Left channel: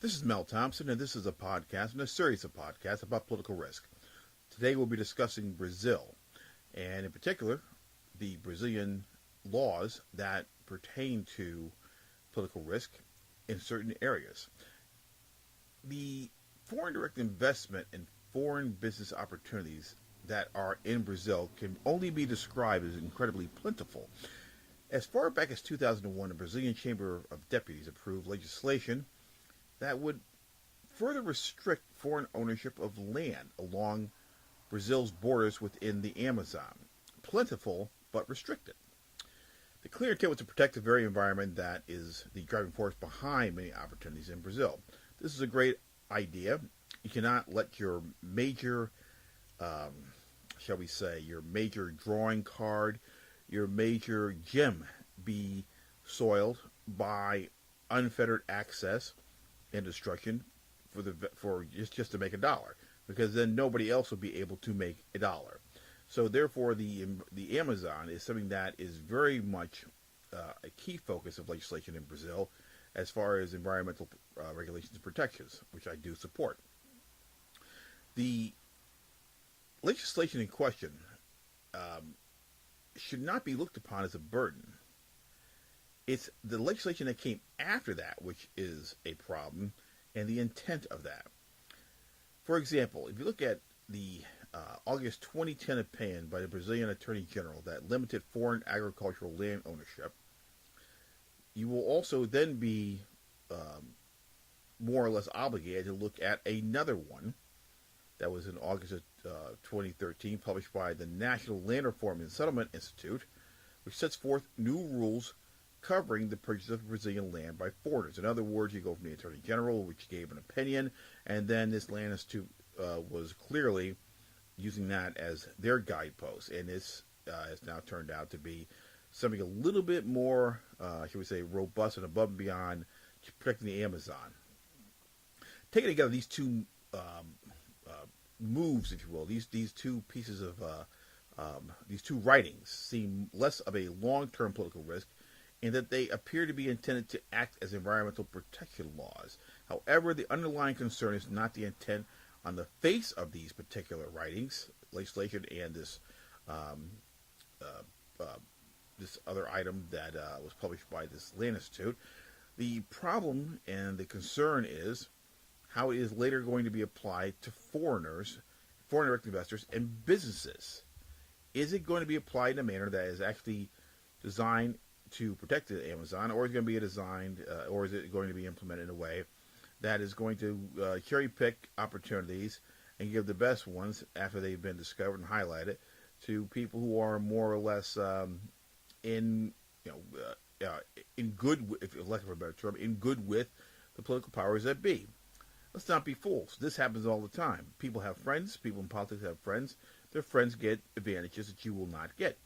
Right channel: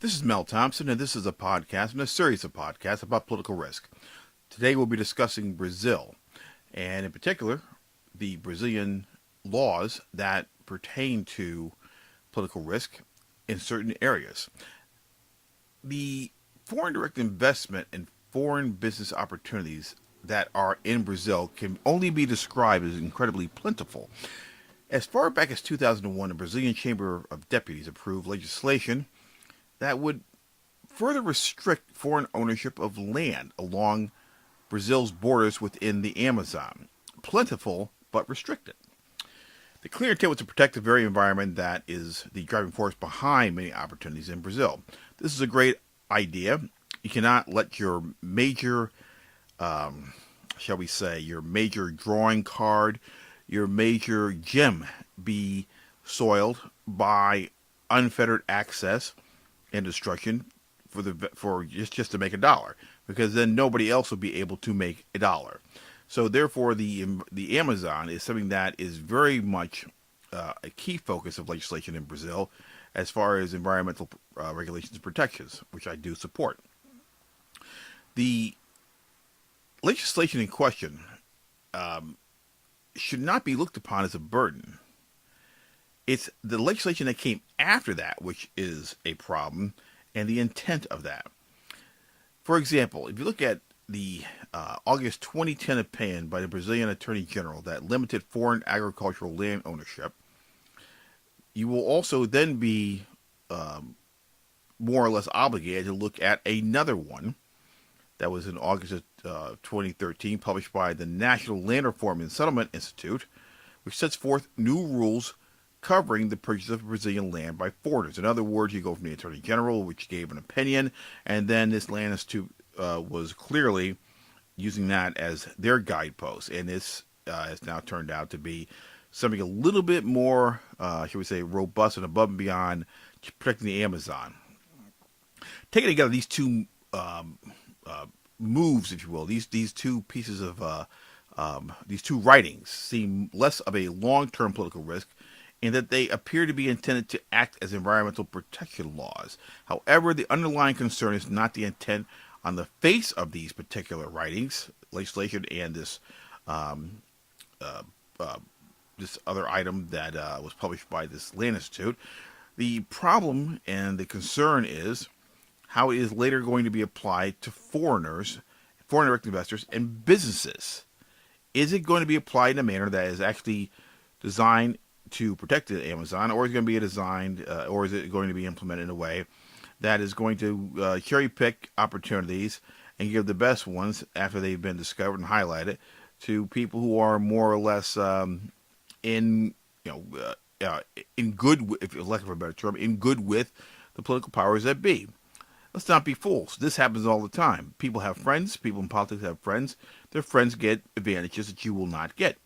This is Mel Thompson, and this is a podcast and a series of podcasts about political risk. Today we'll be discussing Brazil, and in particular, the Brazilian laws that pertain to political risk in certain areas. The foreign direct investment and foreign business opportunities that are in Brazil can only be described as incredibly plentiful. As far back as 2001, the Brazilian Chamber of Deputies approved legislation that would further restrict foreign ownership of land along Brazil's borders within the Amazon. Plentiful, but restricted. The clear intent was to protect the very environment that is the driving force behind many opportunities in Brazil. This is a great idea. You cannot let your major, shall we say, your major drawing card, your major gem be soiled by unfettered access and destruction for just to make a dollar, because then nobody else will be able to make a dollar. So therefore, the Amazon is something that is very much a key focus of legislation in Brazil, as far as environmental regulations and protections, which I do support. The legislation in question um, should not be looked upon as a burden. It's the legislation that came after that which is a problem, and the intent of that. For example, if you look at the August 2010 opinion by the Brazilian Attorney General that limited foreign agricultural land ownership, you will also then be um, more or less obligated to look at another one that was in August of 2013, published by the National Land Reform and Settlement Institute, which sets forth new rules covering the purchase of Brazilian land by foreigners. In other words, you go from the Attorney General, which gave an opinion, and then this Land Institute was clearly using that as their guidepost. And this has now turned out to be something a little bit more, shall we say, robust and above and beyond protecting the Amazon. Taking together these two moves, if you will, these two pieces of these two writings seem less of a long-term political risk, in that they appear to be intended to act as environmental protection laws. However, the underlying concern is not the intent on the face of these particular writings, legislation, and um, uh, uh, this other item that was published by this Land Institute. The problem and the concern is how it is later going to be applied to foreigners, foreign direct investors, and businesses. Is it going to be applied in a manner that is actually designed to protect the Amazon, or is it going to be designed, or is it going to be implemented in a way that is going to cherry pick opportunities and give the best ones after they've been discovered and highlighted to people who are more or less in in good, if you lack of a better term, in good with the political powers that be. Let's not be fools. This happens all the time. People have friends. People in politics have friends. Their friends get advantages that you will not get.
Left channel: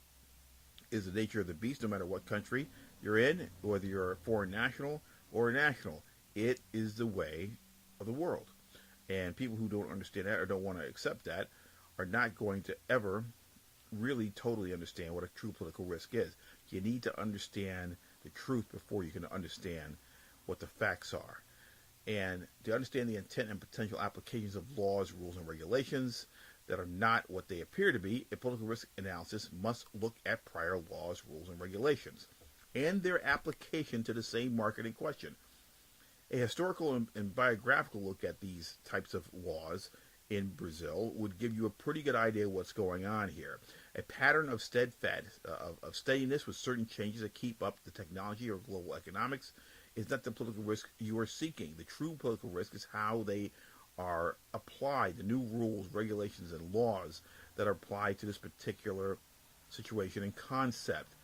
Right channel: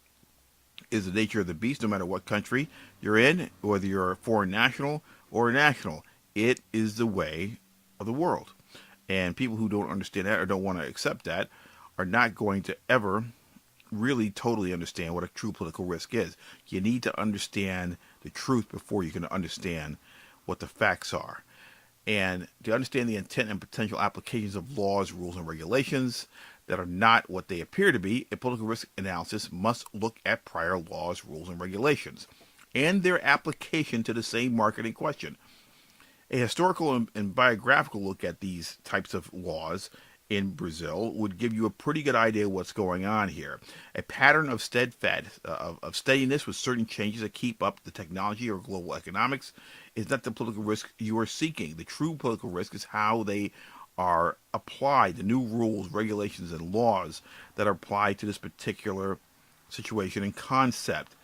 Is the nature of the beast, no matter what country you're in, whether you're a foreign national or a national. It is the way of the world. And people who don't understand that or don't want to accept that are not going to ever really totally understand what a true political risk is. You need to understand the truth before you can understand what the facts are. And to understand the intent and potential applications of laws, rules, and regulations that are not what they appear to be, a political risk analysis must look at prior laws, rules, and regulations and their application to the same market in question. A historical and biographical look at these types of laws in Brazil would give you a pretty good idea of what's going on here. A pattern of steadiness with certain changes that keep up the technology or global economics is not the political risk you are seeking. The true political risk is how they are applied, the new rules, regulations, and laws that are applied to this particular situation and concept,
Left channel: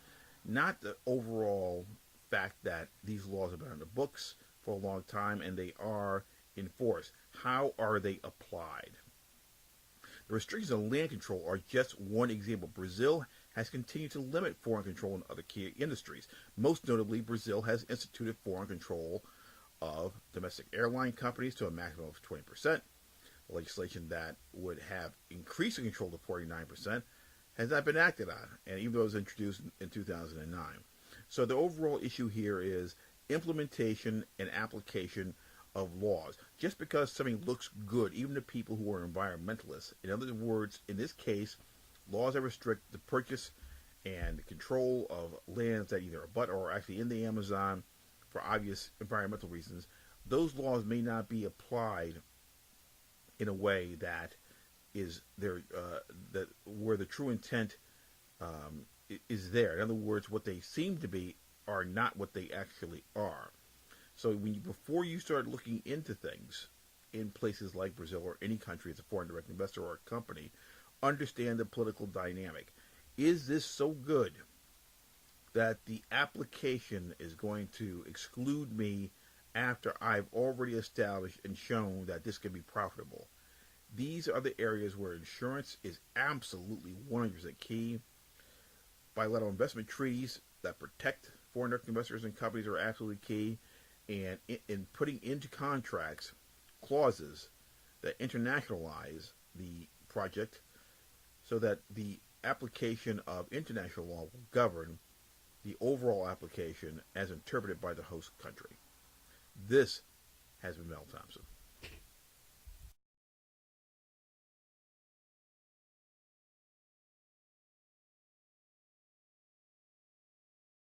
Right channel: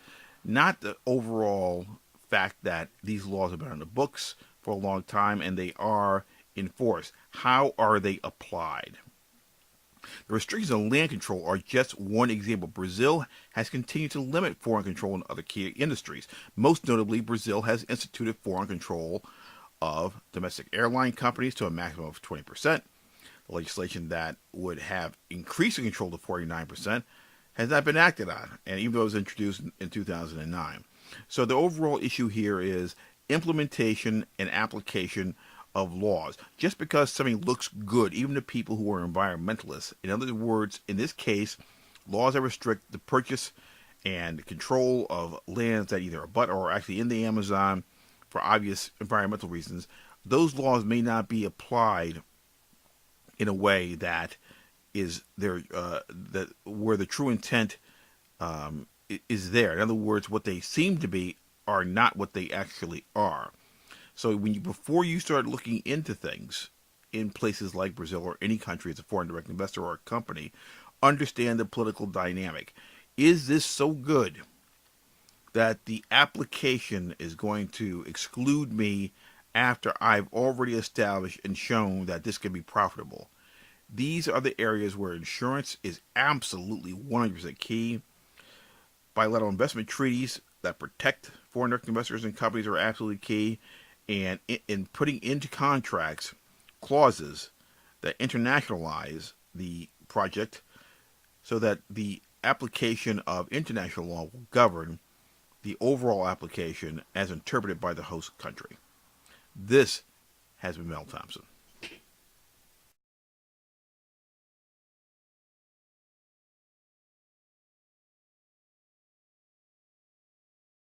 not the overall fact that these laws have been on the books for a long time and they are enforced. How are they applied? The restrictions on land control are just one example. Brazil has continued to limit foreign control in other key industries. Most notably, Brazil has instituted foreign control of domestic airline companies to a maximum of 20%. The legislation that would have increased the control to 49% has not been acted on, and even though it was introduced in 2009. So the overall issue here is implementation and application of laws. Just because something looks good, even to people who are environmentalists. In other words, in this case, laws that restrict the purchase and control of lands that either abut or are actually in the Amazon for obvious environmental reasons, those laws may not be applied in a way that is there that where the true intent is there. In other words, what they seem to be are not what they actually are. So before you start looking into things in places like Brazil or any country as a foreign direct investor or a company, understand the political dynamic. Is this so good that the application is going to exclude me after I've already established and shown that this can be profitable? These are the areas where insurance is absolutely 100% key. Bilateral investment treaties that protect foreign direct investors and companies are absolutely key. And in putting into contracts clauses that internationalize the project so that the application of international law will govern the overall application as interpreted by the host country. This has been Mel Thompson.